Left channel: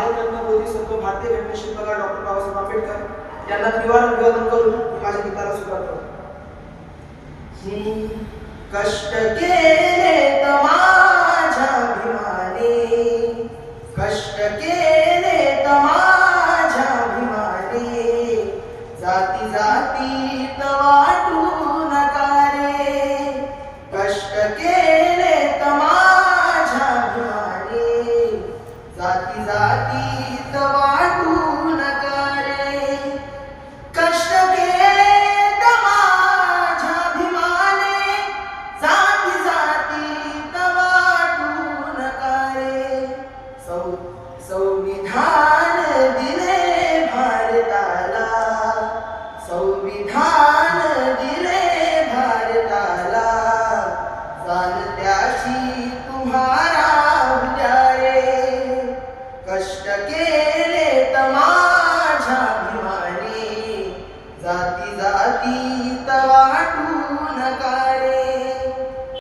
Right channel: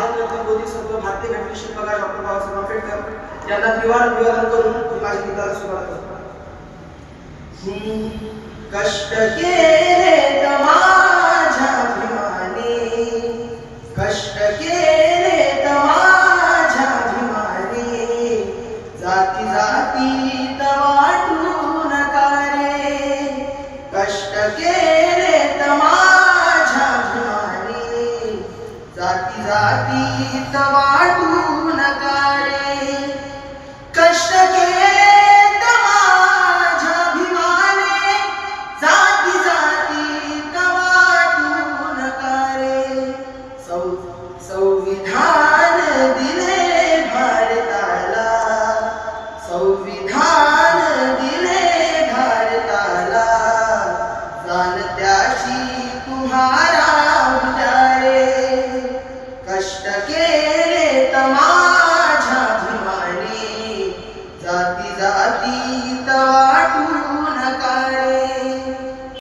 भारतरत्न बोधिसत्व भारतीय शिल्पकार डॉक्टर बाबासाहेब आंबेडकर यांना त्रिवार अभिवादन करून माझ्या गीताला सुरुवात करतो. कष्ट केले माझ्या कष्ट केले माझ्या अभिमाने. जाती जातीत जाती जातीत वाटू नका रे कष्ट केले तर माझ्या अभिमाने जाती जातीत वाटू नका रे सौ संविधान दिले भारताला संविधान दिले भारताला. जाणत्याशी जाती वाटू